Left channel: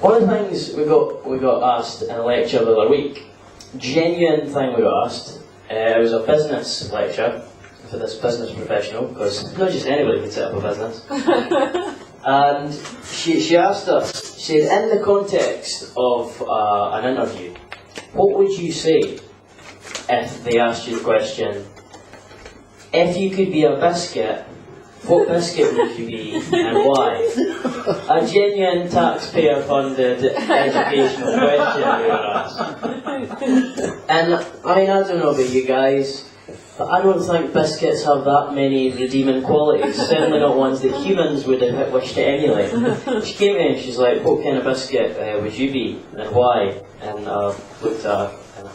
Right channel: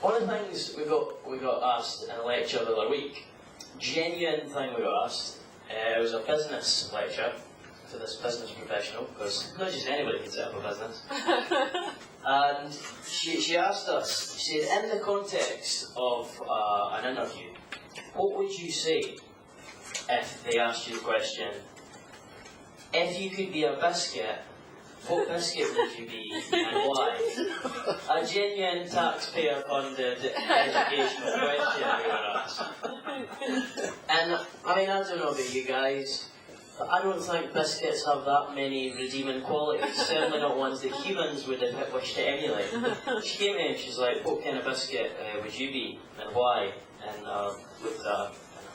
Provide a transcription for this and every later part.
One of the things we got asked in a lecture the other week, genuine thing we got asked, it was a business lecture for this business professional, because not just anybody can set up a business. And she asked us, she said, in the context of an interview, what would you say if they asked you the question, if you could be a biscuit, what biscuit would you be and why? A genuine taxpayer-funded educational question we were asked. And I mean, I don't know about you guys, but I don't think biscuits have that many redeeming qualities, certainly not ones that humans would have wished to emulate. She came in and she's like, what kind of biscuit would you be and why? And I looked at her and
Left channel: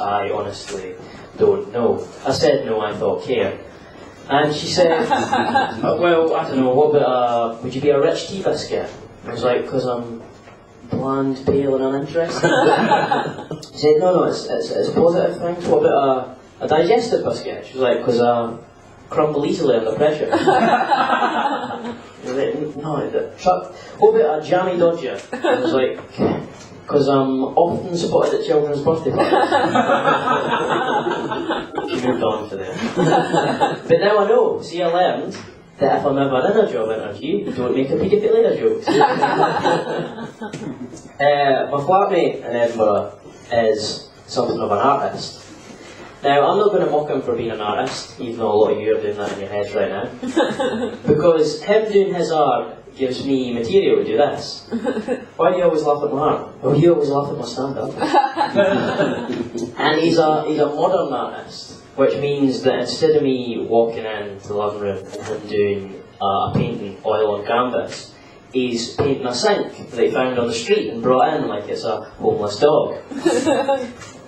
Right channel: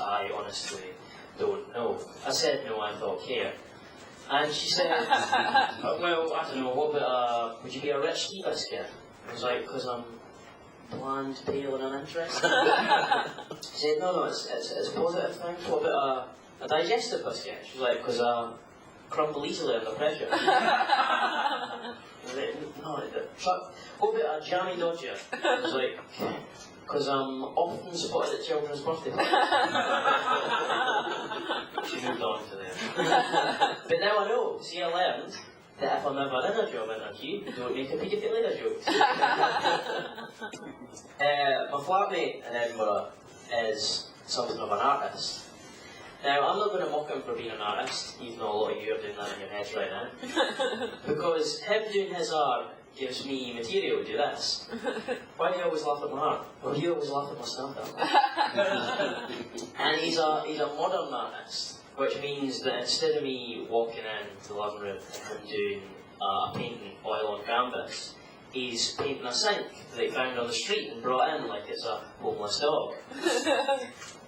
I honestly don't know. I said no, I thought care. And she said, well, I don't know, what about would you be a rich tea biscuit? I was like, because I'm bland, pale and uninterested. She said, no, it's positive things. What about a digestive biscuit? She was like, because I crumble easily under pressure. I was like, no, what about a jammy dodger? I was like, because I'm often spotted at children's birthday parties. She moved on to them. But now I know, see, I learned that if I'm ever in a job interview, don't make a paedophile joke. My flatmate in Edinburgh is something of an artist. Now, I'm not going to mock him for being an artist, even though a lot of you are doing that in your heads right now. Because him doing his art gives me material to do this. Why do you always laugh at my art? Oh, you always laugh at my stand-up. And he's a modern artist, which means that instead of me walking into the living room and him doing a painting, oil on canvas, he's painting a sink that he found on the street and brought in like it's a homeless dog.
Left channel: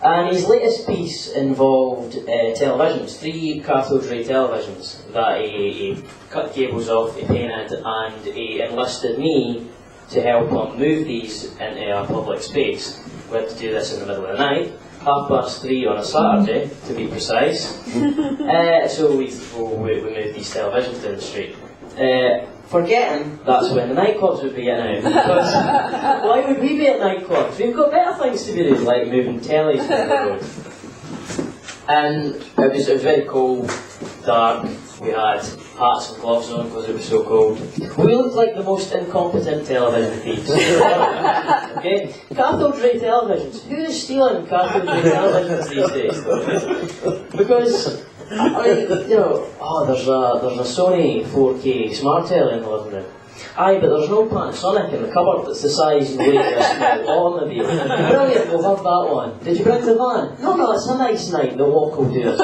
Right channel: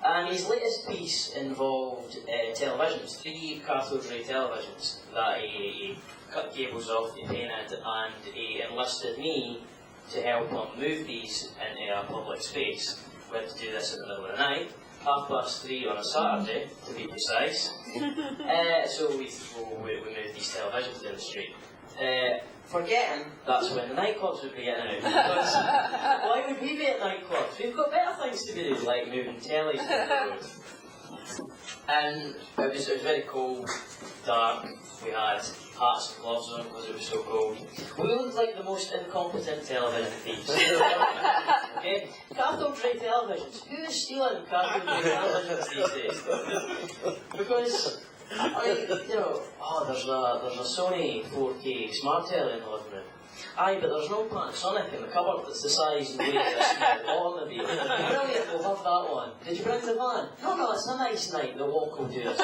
And his latest piece involved televisions, 3 cathode ray televisions that he cut cables off, he painted, and he enlisted me to help him move these into a public space. We had to do this in the middle of the night, 3:30 on a Saturday, to be precise. So we moved these televisions down the street. Forgetting that's when the nightclubs would be getting out. Because why would we be at nightclubs? We've got better things to be doing, like moving tellies down the road. And it was very cold, dark. We had hats and gloves on because it was so cold. We looked like the most incompetent television thieves. Okay? Cathode ray televisions. Who is stealing cathode ray televisions these days, though? Because I mean, you know, there's a Sony 4K smart telly in the living room. Aye, but there's no Panasonic in the cupboard that's the size and weight of a small automobile. Brilliant, we'll have that one. Did you bring the van? No, it's a nice night, the walk will do us.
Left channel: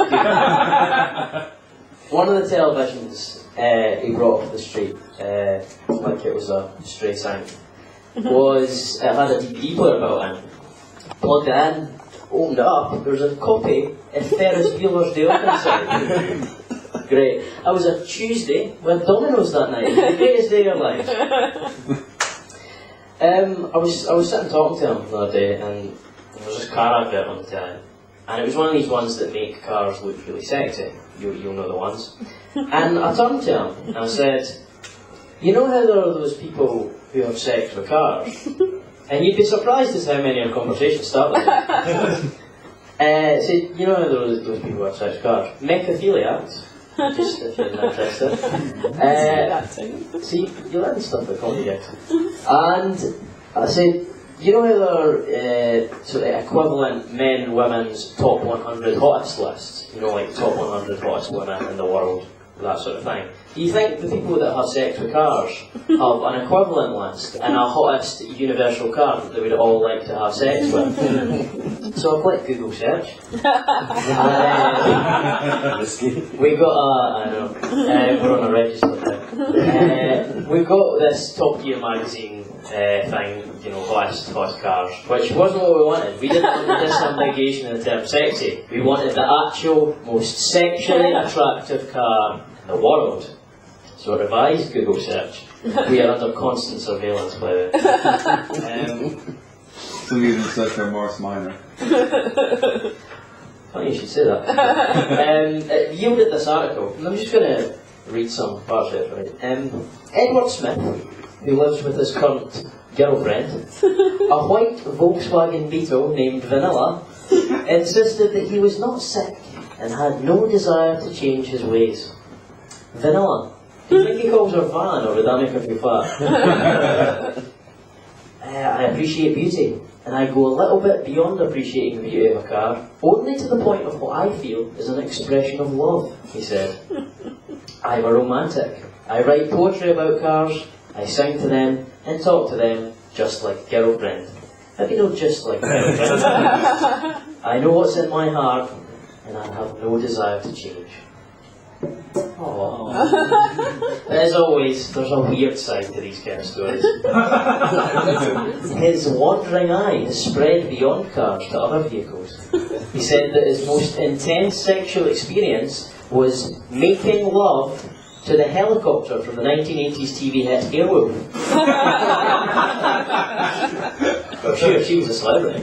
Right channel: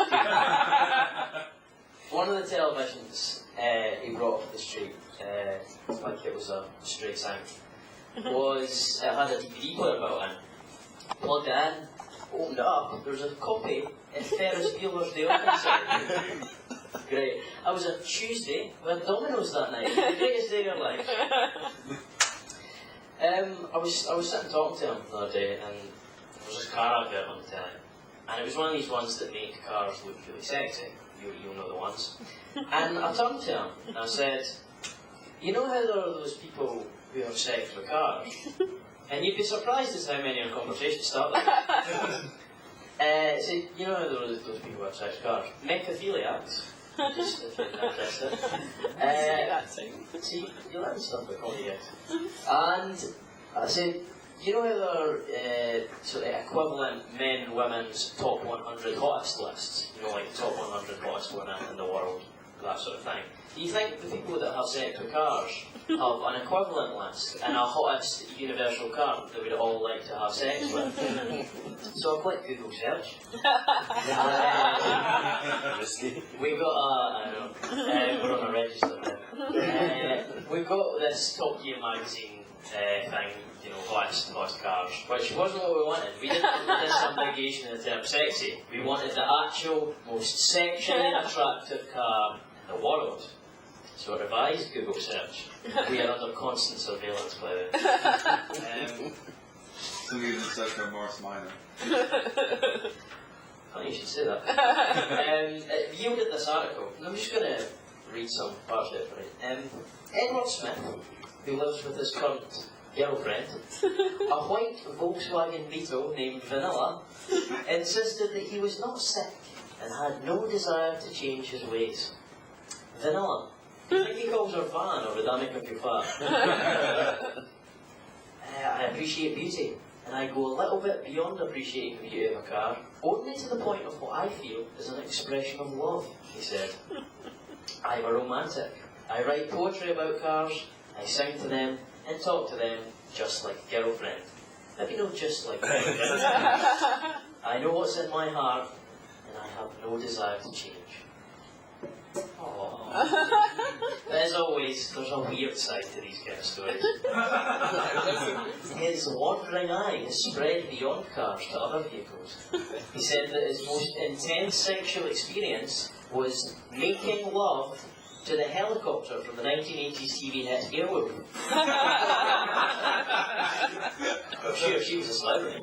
One of the televisions he brought off the street, like it was a stray sign, it had a DVD player built in. Plugged it in, opened it up, there was a copy of Ferris Bueller's Day Off inside. Great. I was a Tuesday with Domino's that night. The greatest day of your life. I was sitting talking to him the other day, and there was this car advert on the telly, and it was one of these ones that make cars look really sexy. You'll know the ones. And I turned to him and I said, you know how there are those people who have sex with cars? And you'd be surprised as how many our conversations start like that. So, you know how there are those people who have sex with cars? Mechaphiliacs. Just if you're interested. See, you learn stuff at comedy gigs. And I said, you know how there are sort of equivalent men and women's top 100 hottest lists? You know, like top 100 hottest women in the world, that sort of thing. Do you think the people that have sex with cars have an equivalent list and a hottest universal car that they would all like to have sex with? So I clicked Google search. We got we're on a register now. We've got this Top Gear magazine thing, you know, hottest cars, which wasn't what we wanted. We didn't want the disambiguation of the term sexy. We wanted the actual, most sexually attractive car in the world. So revise Google search. We are under constant surveillance by the way. So you didn't search for Morris Minor. Funny you should say that. It yielded this article, and I'm just going to read some parts of it for you. Edward Smith, who lives with his current girlfriend, a white Volkswagen Beetle named Vanilla, insisted that he was not sick and had no desire to change his ways. Vanilla. Do you think he calls her Van, or would that make her feel fat? I appreciate beauty, and I go a little bit beyond appreciating the beauty of a car, only to the point of what I feel is an expression of love, he said. I'm a romantic. I write poetry about cars, I sing to them, and talk to them just like a girlfriend. Maybe not just like a girlfriend. I know what's in my heart, and I have no desire to change. Aww. As always, there's a weird side to these kind of stories. His wandering eye has spread beyond cars to other vehicles. He said that his most intense sexual experience was making love to the helicopter from the 1980s TV hit Airwolf. I'm sure she was a celebrity.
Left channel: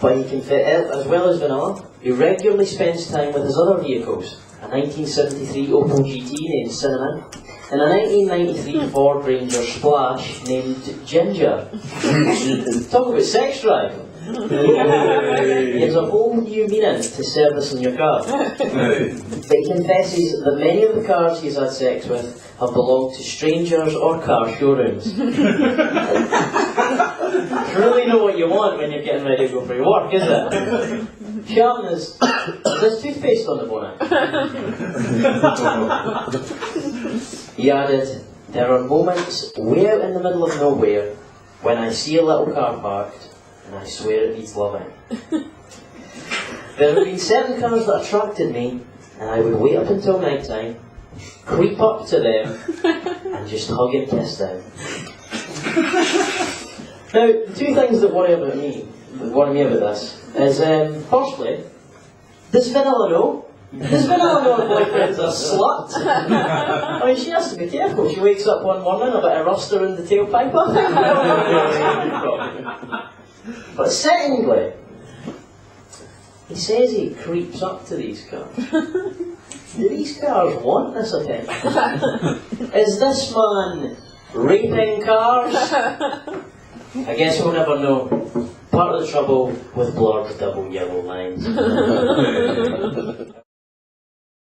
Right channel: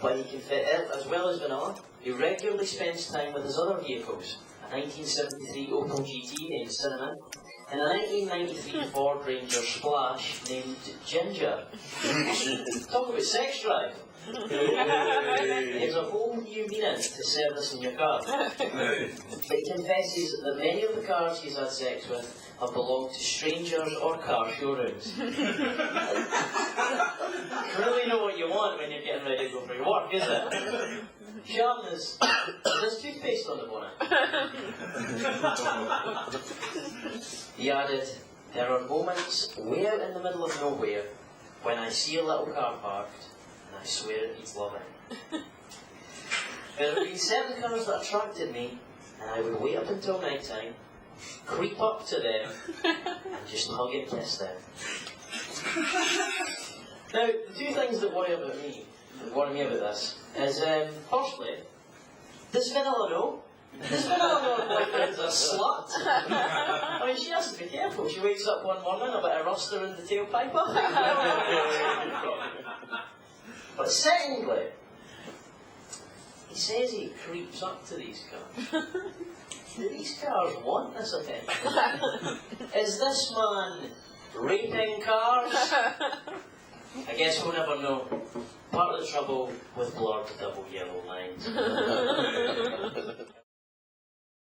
But he can fit, as well as Vanilla, he regularly spends time with his other vehicles. A 1973 Opel GT named Cinnamon, and a 1993 Ford Ranger Splash named Ginger. Talk about sex drive. Gives a whole new meaning to servicing your car. But he confesses that many of the cars he's had sex with have belonged to strangers or car showrooms. You really know what you want when you're getting ready to go for your work, is it? Sharpen is there's toothpaste on the bonnet. He added, there are moments way out in the middle of nowhere when I see a little car parked and I swear it needs loving. There have been certain cars that attracted me, and I would wait up until night time, creep up to them, and just hug and kiss them. Now, the two things that worry me about this, is firstly, does Vanilla know? Does Vanilla know her boyfriend's a slut? I mean, she has to be careful. She wakes up one morning, a bit of ruster in the tailpipe. But secondly, he says he creeps up to these cars. Do these cars want this attention? Is this man raping cars? I guess we'll never know. Part of the trouble with blurred double yellow lines.